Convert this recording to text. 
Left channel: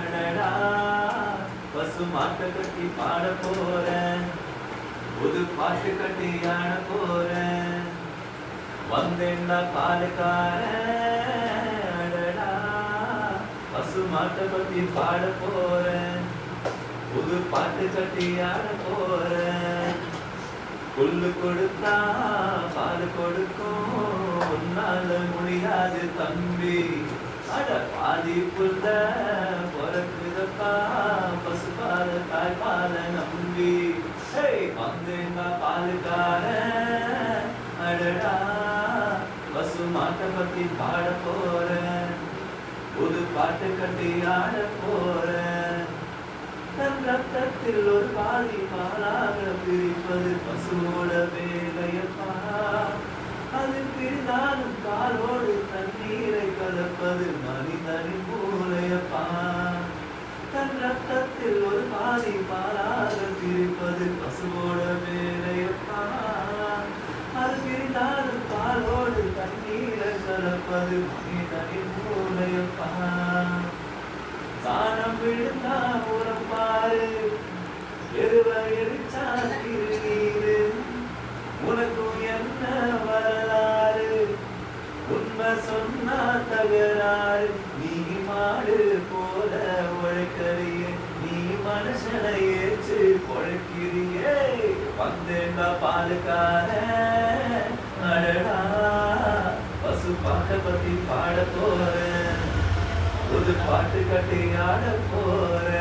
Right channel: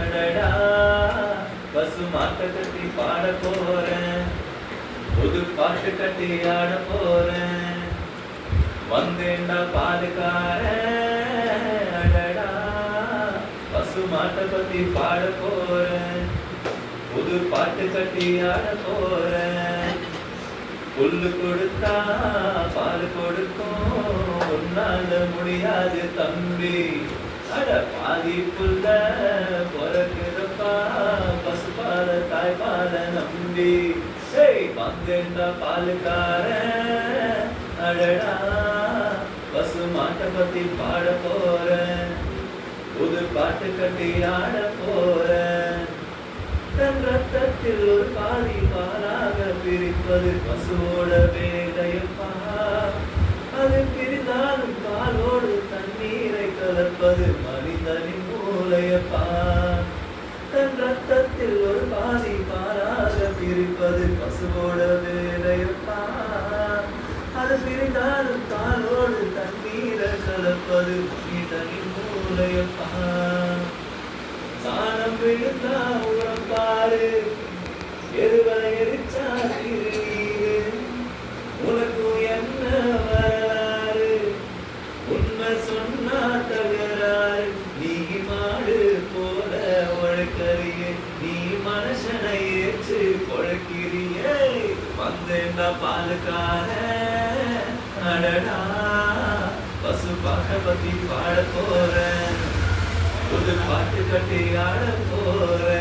அடடா பசு மாட்டை கட்டி பாட போறேன், புது பாட்டு கட்டி ஆட போறேன், வந்தேன்டா பாலுக்காரன். அடடா பசு மாட்டை பத்தி பாட போறேன், புது பாட்டு கட்டி ஆட போறேன். புல்லு கொடுத்தா பால் கொடுக்கும், உன்னால முடியாது தம்பி. அட பாதி புல்ல பொறக்கிறப்பா, பசுபால தாய்பால நம்பி. வந்தேன்டா பாலுக்காரன். அடடா பசு மாட்டை பத்தி பாட போறேன், புது பாட்டு கட்டி ஆட போறேன். தன் ரத்தத்தில் ஒரு பாதி பாலாக பிரிப்பது பசுவோட வேலையப்பா. அது பிரிந்தாலும் பாலோடு தண்ணீரை கலப்பது மனிதனின் மூளையப்பா. தன் ரத்தத்தில் ஒரு பாதி பாலாக பிரிப்பது பசுவோட வேலையப்பா. அது பிரிந்தாலும் பாலோடு தண்ணீரை கலப்பது மனிதனின் மூளையப்பா. சாணம் விழுந்தா உரம் பாரு, எருவை எரிச்சா திருநீரு. உனக்கும் என்ன வரலாறு, உண்மை சொன்னா தகராறு. நீ மாடு போல உழைக்கறியே, நீ மனுஷனை ஏற்று பொழைக்கிறியே. வந்தேன்டா பாலுக்காரன். அடடா பசு பாட்டை பத்தி பாட போறேன், புது பாட்டு கட்டி ஆட போறேன்.